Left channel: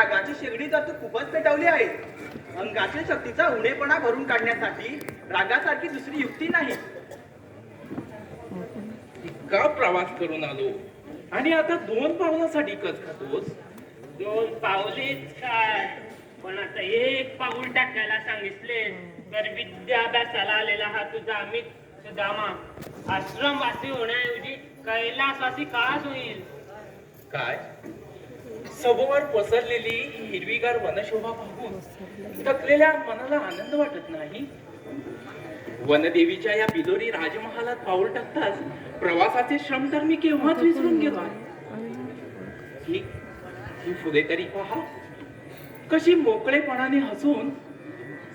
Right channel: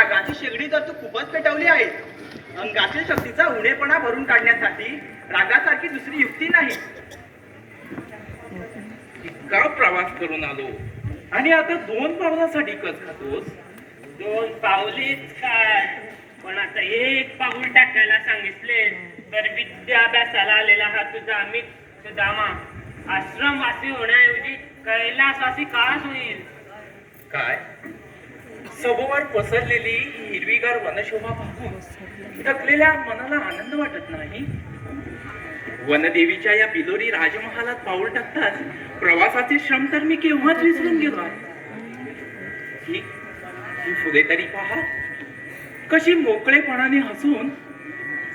रागाची शेगडी तर तू खूपच पेटवली आहे. अंगाच्या शक्तीचा उणेपणा भरून काढण्यासाठी रागासारखी दुसरी युक्ती नाही. इतका प्रवास करून आलो आणि आता 2 पावलासाठी कस खातोस? 2 पावलीच काय, पण आता 1 पाऊल टाकायला सांगितले तर विद्याभ्यासाला आलेला हा तुझा मित्र सुदामा आश्रमवासी होण्याऐवजी कैलासवासी काच होईल. काय? सभोवर पसरलेली हिरवीगार वनशोभा पाहून थकलेल्या मनाला आनंद वाटत नाही. वनदेवीच्या या बिलोरी राजमहालात पाऊल टाकताच प्रवासाचे श्रम तर मी केव्हाच विसरून गेलो आहे. ही फुले तरी पहा, कशी मोकळेपणाने हसून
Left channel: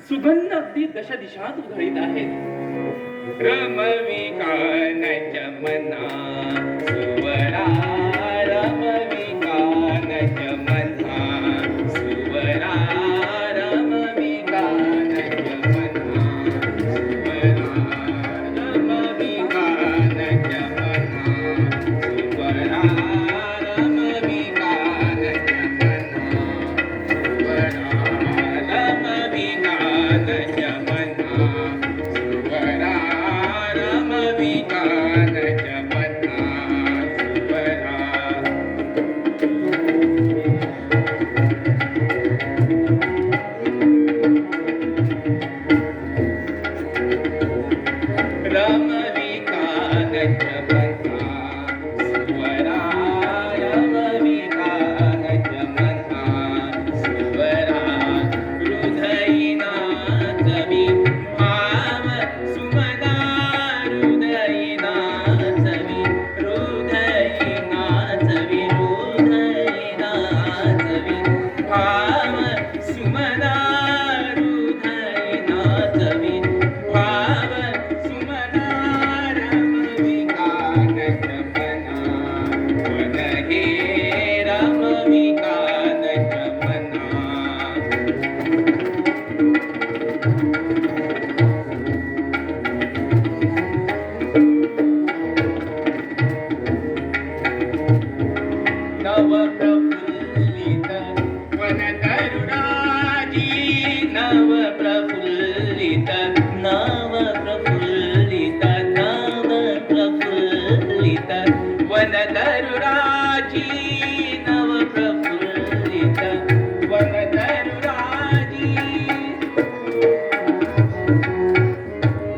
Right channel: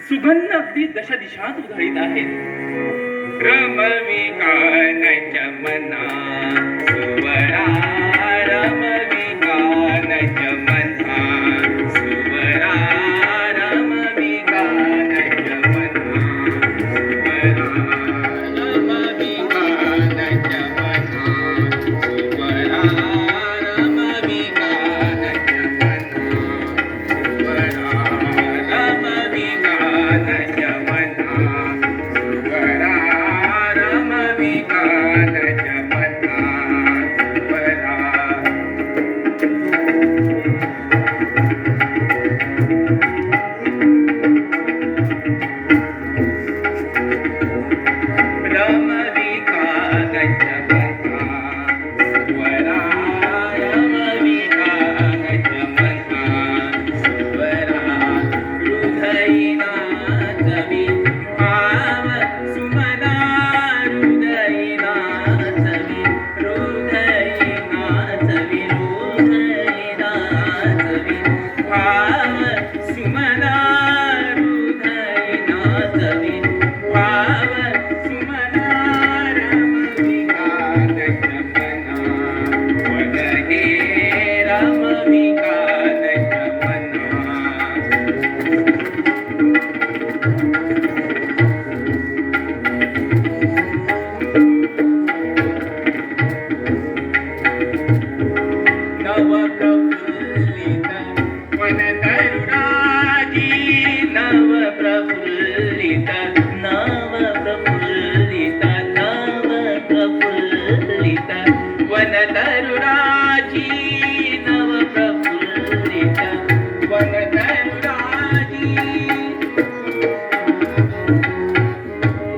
सुगंध अगदी दशा दिशात उधळीत आहेत. रमवी कानाच्या मना